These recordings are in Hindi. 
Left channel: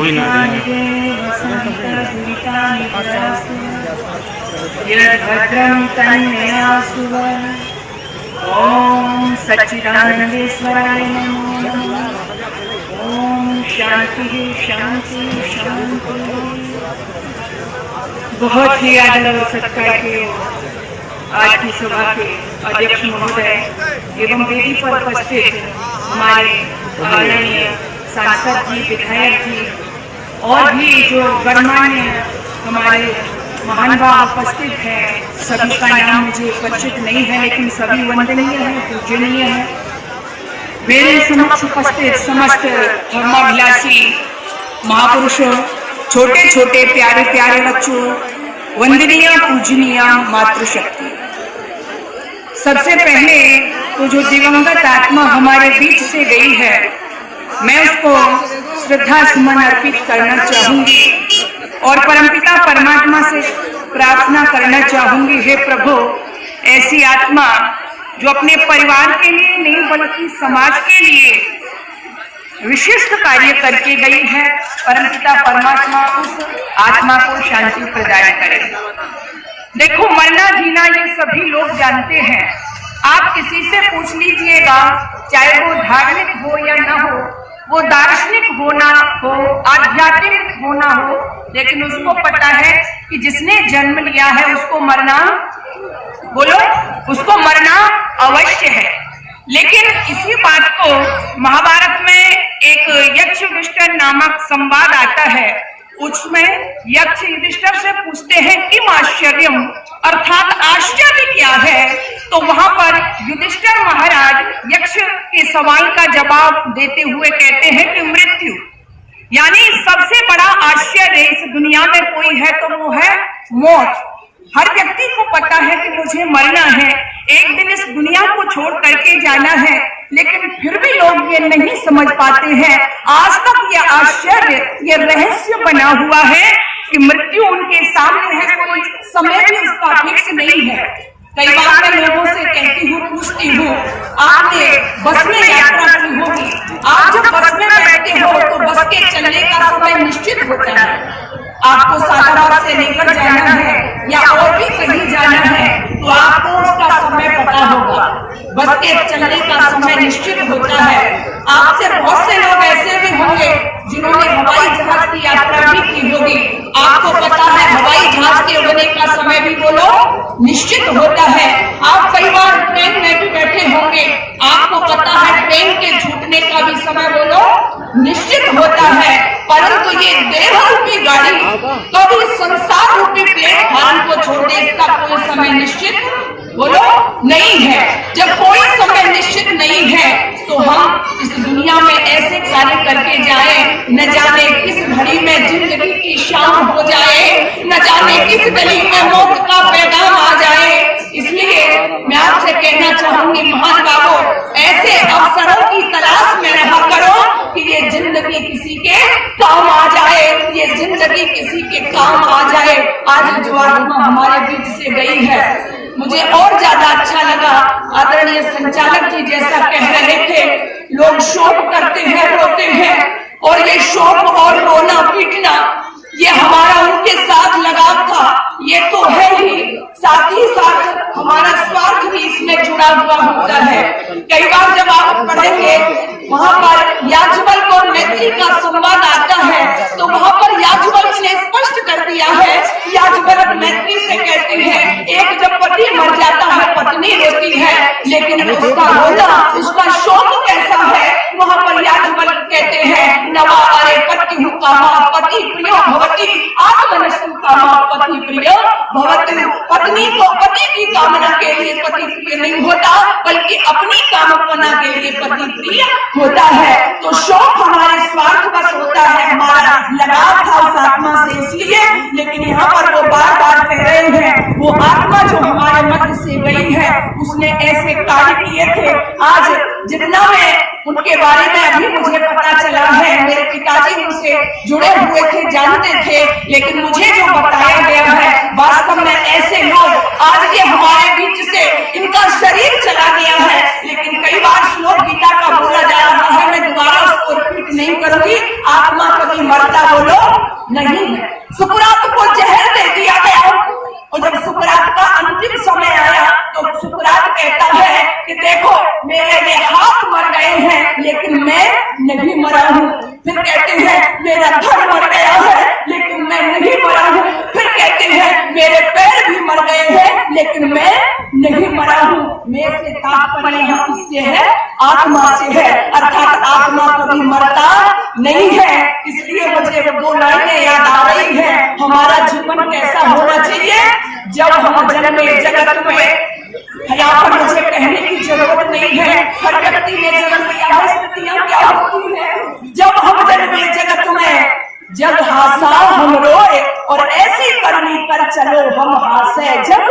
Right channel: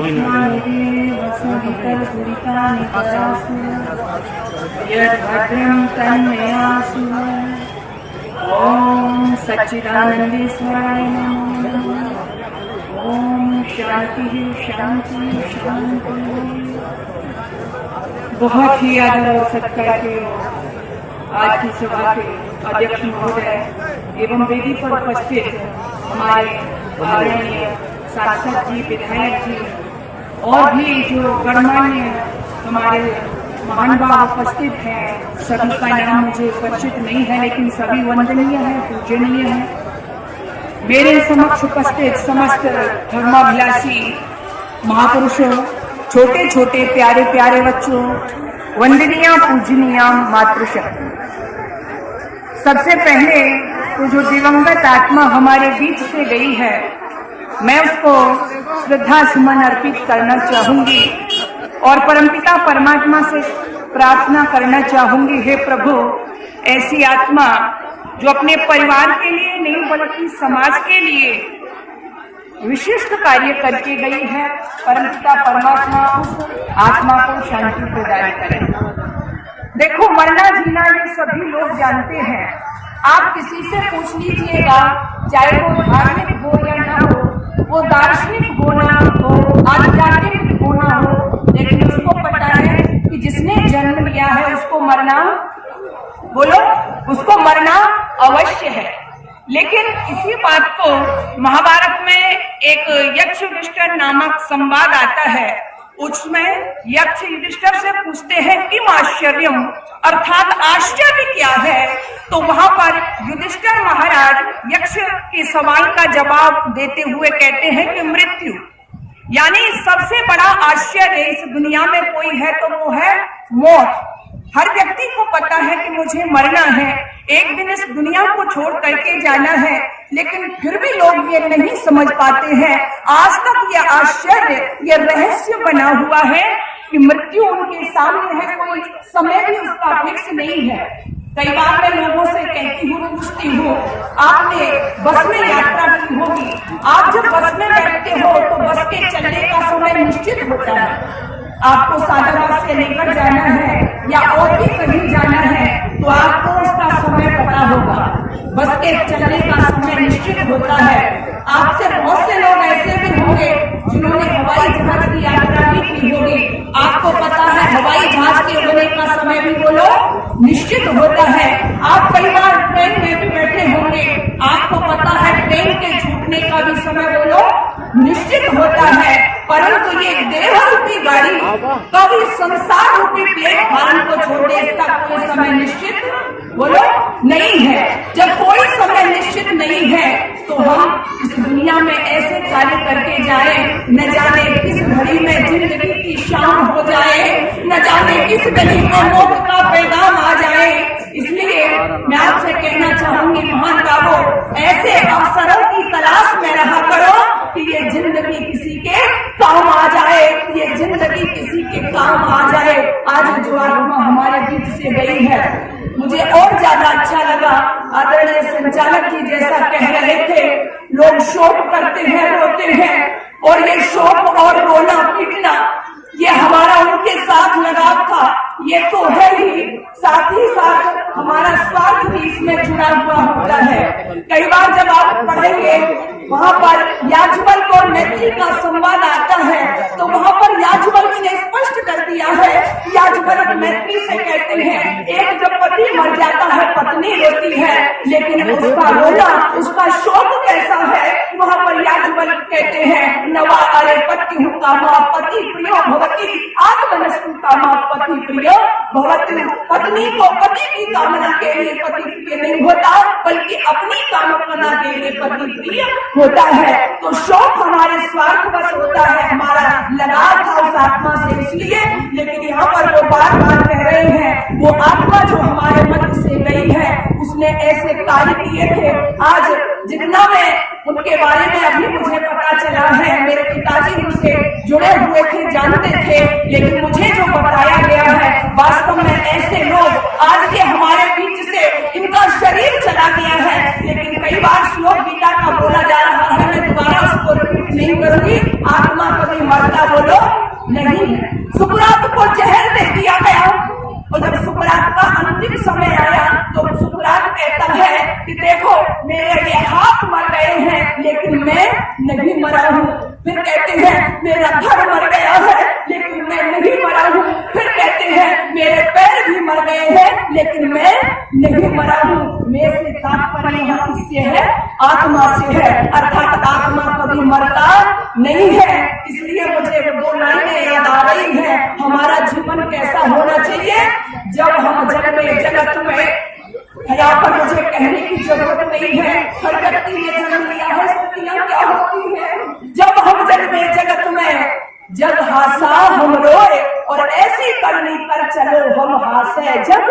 भी ना भद्रं तन्मयासु। ओम सच्चिदानंदेश्वराय नमो नमः। ओम शांति शांति शांति। बहुत ही आदर और सत्कार के आज की सभा के अध्यक्ष महोदय एवं वेदी पर उपस्थित हमारे आदरणीय सांसद जी, विधायक जी और भी जो गणमान्य हमारे महानुभाव उपस्थित हैं, सभी का नाम मुझे परिचित नहीं है, लेकिन सभी वंदनीय है, पूजनीय है। मेरे समक्ष उपस्थित समस्त धर्माभिलाषी महापुरुषों, छोटे छोटे प्यारे प्यारे बच्चों, वंदनीय पूजनीय मातृशक्ति। सबसे पहले तो जो दिवंगत आत्मा हमारे बीच से गई है, मैं उसको श्रद्धा सुमन अर्पित करना चाहूंगी और परमपिता परमात्मा से प्रार्थना करना चाहूंगी, हे प्रभु, ऐसी आत्मा जो अपने परिवार के लिए नहीं बल्कि समाज के लिए विशिष्ट कार्य करके गई है, परमपिता परमात्मा उस आत्मा को शांति प्रदान करे। देखो, मरना जीना ये सभी लोग जानते हैं। आप किसी से पूछ लीजिएगा, चाहे वो धार्मिक हो या ना हो, वो दार्शनिक होना हो, आध्यात्मिक होना हो, लेकिन उसको पता है कि जिसने जन्म लिया है उसको मरना, बोलो, उसको मरना अवश्य है। लेकिन इसी बात को महाभारत में एक यक्ष युधिष्ठिर नामक संवाद आता है। उसमें यक्ष युधिष्ठिर से पूछते हैं कि आश्चर्यम, अर्थात आश्चर्य क्या है? तो वहां पर युधिष्ठिर महाराज यक्ष के सवाल का जवाब देते हुए कहते हैं कि मृत्यु, यानी सबसे बड़ा आश्चर्य इस दुनिया में कोई है तो वो है मौत। हर व्यक्ति को पता है कि मुझे मरना है, एक दिन इस दुनिया को छोड़ करके जाना है, लेकिन फिर भी लोग ये नहीं समझ पाते हैं। आज तक ये आश्चर्य, ये रहस्य बना हुआ है कि मृत्यु उनके सामने है, कोई समय भी उसका फिक्स नहीं है। कई बार मैं लोगों से कहती हूँ, पूछती हूँ, आपने बस में यात्रा की होगी, आप जब बस में बैठते हो तो बस के चलने का समय निश्चित होता है। आपको सादाबाद से लेकर जाना है या और भी कहीं जाना है तो आपको उसका समय पता होगा। बस के चलने का समय निश्चित होता है। आपसे बहुत से लोग ऐसे भी होंगे जिन्होंने हवाई जहाज की यात्रा भी की होगी। आपको पता है हवाई जहाज के उड़ने का समय भी बोलो निश्चित होता है। आप कई बार ट्रेन में भी बैठे होंगे, आपको पता है ट्रेन के छूटने का भी समय बोलो निश्चित होता है। परंतु ये देह रूपी गाड़ी कभी संसार रूपी प्लेटफॉर्म को छोड़ दे, इसका कोई समय निश्चित बोलो नहीं है। जब कोई समय निश्चित नहीं है तो हम इस दुनिया में ऐसे कार्य करके जाए, न जाने किस घड़ी में जिंदगी की शाम हो जाए, न जाने किस गली में मौत का पैगाम आ जाए। इसलिए मैं आपसे कहना चाहूंगी, महान बाबू, ऐसे अवसरों की तलाश में रहा करो कि ये जिंदगी किसी के काम आ जाए, ये जिंदगी किसी के काम आ जाए। आज जो आत्मा हमारे बीच से गई है, मुझे और ज्यादा अच्छा लगा। आदरणीय संचालक जी जैसा कह रहे थे, लोग शोक करते हैं, रोते हैं, और ये शोक और रोना पीटना ये हमारा उनके साथ लगाव था, ये तो है ही, साथ ही साथ हमारा स्वार्थ भी इसमें जुड़ा हुआ होता है। कई बार जब आप पढ़ेंगे वहां पर याज्ञवल्क्य और मैत्री का संवाद आता है, तो वहां पर याज्ञवल्क्य ने स्पष्ट कर दिया है। याज्ञवल्क्य मैत्री से कहते हैं, एक जब पति मर जाता है पत्नी रोती है, लेकिन उसका रोना, उसका शोक कैसा है? वहां पर याज्ञवल्क्य कहते हैं, नवा अरे पति कामा पति प्रियो भवति आत्मनस्तु कामा पति प्रिय भवति। पत्नी को पति की कामना के लिए पति प्रिय नहीं होता, बल्कि अपनी कामना के लिए पति प्रिय होता है। तो शौक हमारे स्वार्थ बस होता है, हमारा लगाव था उस आत्मा से इसलिए। लेकिन यहाँ पर वो बार बार कह रहे हैं, वो आत्मा जो हमारे मध्य से गई है उसने ऐसे कार्य किए थे। आज जितना मैं उनके बारे में अभी मुझे पता चला है, मेरे पिताजी उनसे जुड़े हुए थे, जानते थे, लेकिन मुझे जो बताया गया है, वास्तव में ऐसे लोग आज ये हमारे बीच से इनका शरीर चला गया है। लेकिन कई बार श्लोक गीता का बोला जा रहा है, मैं दोबारा उसको रिपीट नहीं करूंगी। आत्मा कभी मरता नहीं है। सुकरात को जहर दे दिया गया और जब सुकरात का अंतिम समय आया तो सुकरात कहता है कि देखो मेरे ये हाथ मर गए हैं लेकिन मैं नहीं मरा हूँ। फिर कहते हैं मेरा धड़ मर गया है लेकिन मैं नहीं मरा हूँ। फिर कहते हैं मेरे पैर भी मर गए हैं लेकिन मैं नहीं मरा हूँ। मैं से तात्पर्य यहाँ किससे है? आत्मा से है, अर्थात आत्मा कभी मरता नहीं है। इसलिए मुझे वो दो लाइनें याद आ रही है, हमारा जीवन कैसा होना चाहिए। जब हम जन्मे जगत में, यहाँ पर मुझे कहने की जरूरत नहीं है, हर व्यक्ति ने जन्म लिया है, स्थितियां क्या होती है। जब हम जन्मे जगत में, जग हासा हम रोए और ऐसी करनी कर चलो हम हासे जग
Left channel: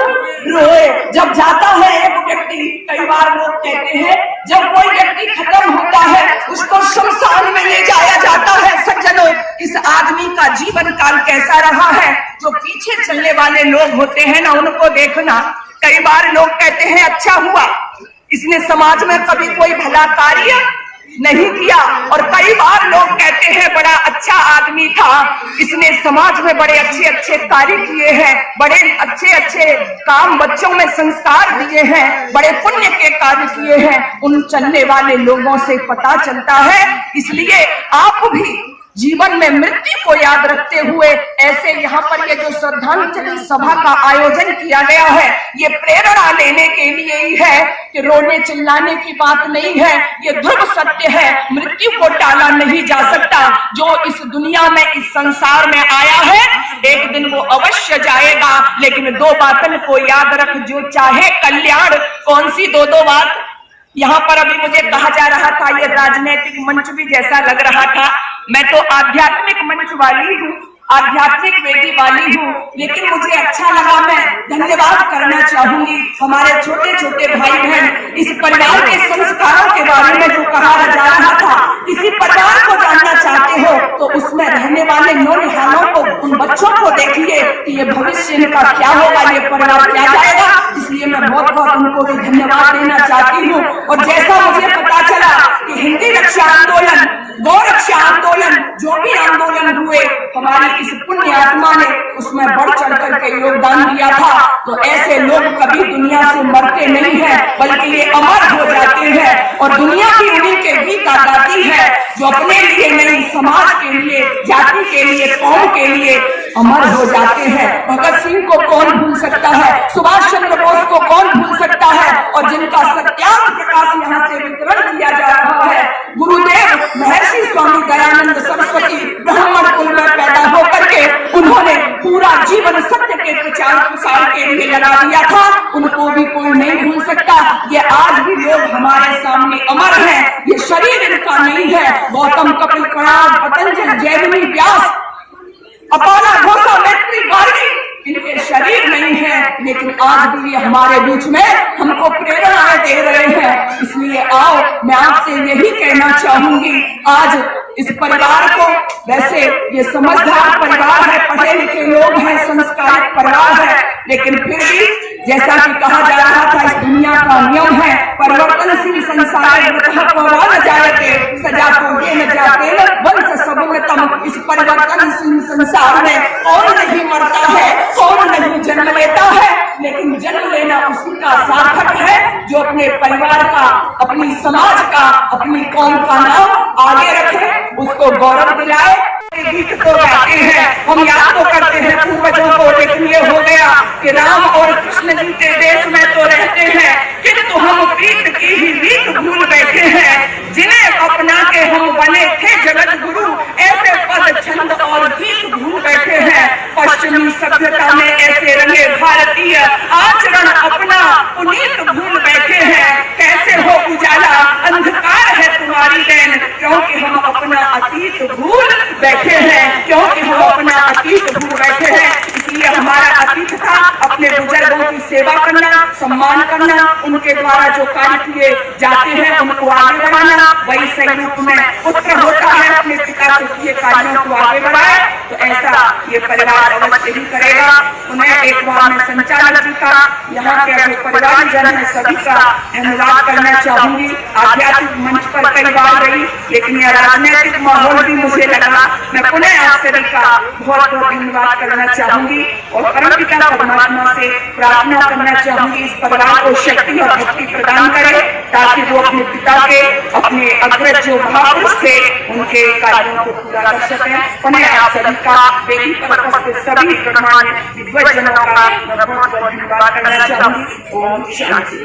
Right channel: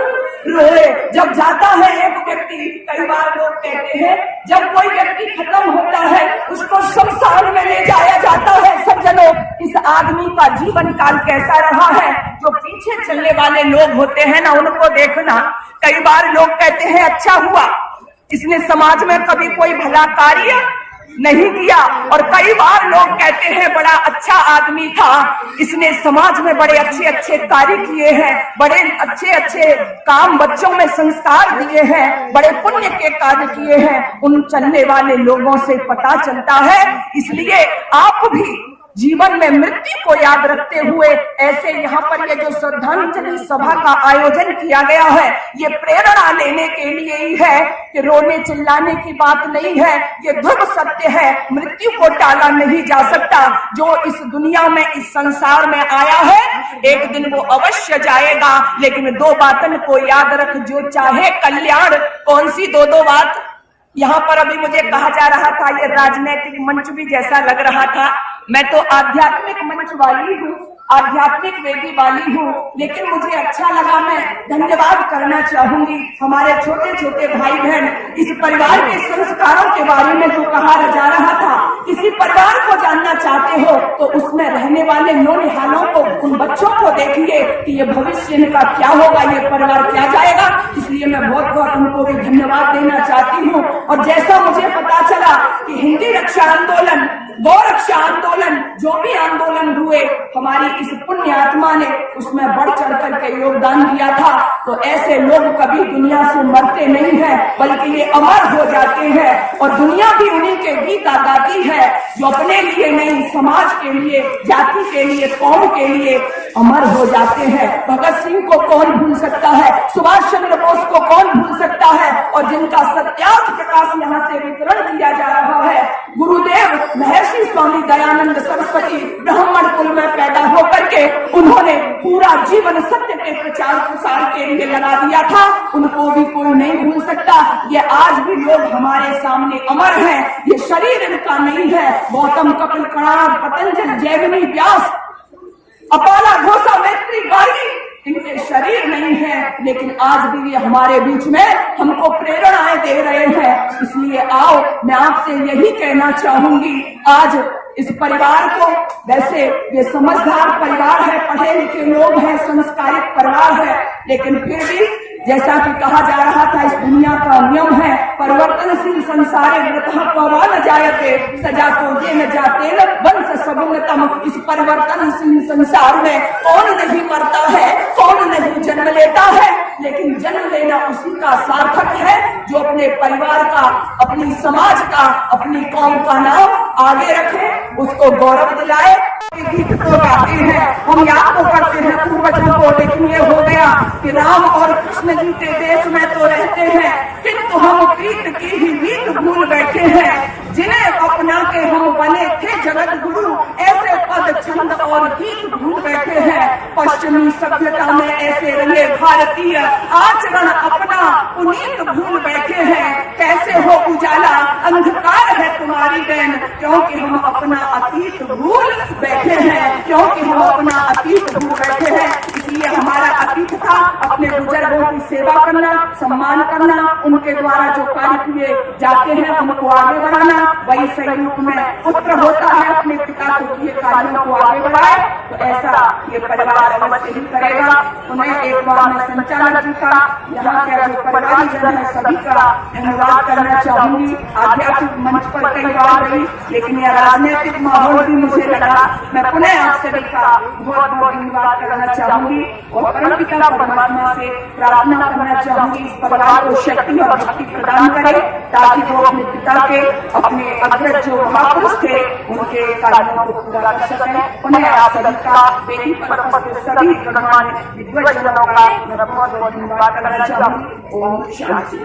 रोए। जब जाता है एक व्यक्ति, कई बार लोग कहते हैं जब कोई व्यक्ति खत्म होता है उसको शमशान में ले जाया जाता है। सज्जनों, इस आदमी का जीवन काल कैसा रहा है, जो पीछे चलने वाले लोग होते हैं ना, उनको देखना। कई बार लोग कहते हैं अच्छा हुआ इसने समाज में कभी कोई भला कार्य नहीं किया, और कई बार लोग कहते हैं बड़ा अच्छा आदमी था, इसने समाज में बड़े अच्छे अच्छे कार्य किए हैं, बड़े अच्छे अच्छे काम बच्चों में संस्कार दिए हैं, बड़े पुण्य के कार्य किए हैं। उन चलने वाले लोगों से पता चलता है। इसलिए आप भी जीवन में मृत्यु को याद रखते हुए ऐसे यहाँ पर ये जो श्रद्धांजलि सभा का आयोजन किया गया है, ये प्रेरणा लेने के लिए ही है कि रोने चिल्लाने की बात नहीं है। ये ध्रुव सत्य है, मृत्यु को टाला नहीं जा सकता। जो इस दुनिया में, इस संसार में आया है, एक दिन वो अवश्य जाएगा। लेकिन दो बातों को याद रख, जो चाहे कल्याण। कौन सी दो बात? यहाँ पर अभी मुझे कहा जा रहा था ये राजनीतिक मंच भी जैसा लग रहा था। मैं तो आध्यात्मिक मंच वाली हूँ, आध्यात्मिक वेदी वाली हूँ, लेकिन मुझे अच्छा लगा। मैं धन्यवाद करना चाहूंगी हमारे छोटे छोटे भाई बहन। इस परिवार के संस्कारों के बारे में जो कहा जा रहा था, किसी परिवार को जानना चाहते हो तो उसमें रहने वाले नौनिहालों को, उन बच्चों को देखिए कि ये भविष्य इनका क्या होगा, ये परिवार क्या जाएगा। इसलिए मैं बहुत बहुत उनको भी धन्यवाद देना चाहती हूँ। और जैसा मुझे पता चला कि हिंदी रक्षा आंदोलन, गौ रक्षा आंदोलन, जो भी आंदोलन हुए, हमारी इस पुण्य आत्मा ने उसमें बढ़ चढ़ करके योगदान दिया था। तो ऐसे लोग कभी दुनिया से मरते नहीं है, बल्कि ये अमर हो जाते हैं। और दुनिया भी उन्हीं के गीत गाती है, जो अपने लिए नहीं, समाज के लिए, जाति के लिए, कौम के लिए अमर हो जाते हैं। भगत सिंह को कौन भूल सकता है, सुभाष चंद्र बोस को कौन भूल सकता है, और जिनका सत्यार्थ प्रकाश यहाँ से वितरण किया जा रहा है। गुरुदेव महर्षि स्वामी दयानंद सरस्वती ब्राह्मण कुल में पैदा होकर के उन्होंने पूरा जीवन सत्य के प्रचार प्रसार के लिए लगा दिया था। उनको भी कोई नहीं भूल सकता। ये आज भी लोग हमारे सामने अमर हैं। ये शरीर इनका नहीं है। गौतम, कपिल, कणाद, पतंजलि, जैमिनी, व्यास, अपाला, घोषा, मैत्री, गार्गी, इनके शरीर नहीं है, लेकिन आज भी ये हमारे बीच में हमको प्रेरणाएं दे रहे हैं। इसलिए आओ, मैं आपसे यही कहना चाहूंगी, आज इस परिवार को, वैसे ये समझदार परिवार है, पढ़े लिखे लोग हैं, संस्कारित परिवार है, लेकिन फिर भी जैसा कि कहा जा रहा था, इस दुनिया का नियम है परिवर्तनशील संसार न जाते सजा को ये न जाते वंश सगुणतम। इस परिवर्तनशील संसार में कौन नहीं मरता है, कौन नहीं जन्म लेता है, लेकिन जन्म लेना उसी का सार्थक है जो अपने परिवार का, अपनी समाज का, अपनी कौम का नाम आगे रखे, उसको गौरव दिलाए। गीत तो गाते हैं, हम याद तो करते हैं पूर्वजों को, लेकिन ये हो गया कि राम और कृष्ण जी के देश में तो रहते हैं, किंतु हम प्रीत की ही रीत भूल बैठे हैं। जिन्हें अपना के हम बने थे जगत गुरु, ऐसे पद छंद और गीत भूल बैठे हैं। पश्चिमी सभ्यता में ऐसे रंगे भारतीय आचरण अपना पुनीत भूल बैठे हैं। कैसे हो उजाला, अंधकार है तुम्हारी देन, क्योंकि हम अपना अतीत भूल बैठे हैं, क्योंकि हम अपना अतीत भूल बैठे हैं। इसलिए हमारा अतीत था अपने बुजुर्गों की सेवा करना, सम्मान करना, उनके द्वारा जो कार्य किए जाते हैं उनको आगे बढ़ाना। वही सही रूप में पुत्र होता है, अपने पिता के किए कार्यों को आगे बढ़ाए। तो ऐसा ये परिवार अवश्य ही करेगा। उन्हें एक बार मैं संचालक जी का, यहाँ के जो परिवार जन है सभी का धन्यवाद करना चाहूंगी। आध्यात्मिक मंच पर कई बार रही, लेकिन यह राजनीतिक माहौल भी मुझे लगा, मैं पुनः आप सभी का बहुत बहुत धन्यवाद करना चाहूंगी और परमपिता परमात्मा से प्रार्थना करना चाहूंगी इस परिवार को शक्ति और भक्ति प्रदान करे, ताकि वो अपने पिता के, अपने अग्रज जो महापुरुष थे, उनके कार्यों को पूरा कर सकें। उन्हें आप सभी का बेटी पर्व के सभी गणमान्य विद्वजनों का मैं बहुत बहुत धन्यवाद करना चाहूंगी। ओम शांति।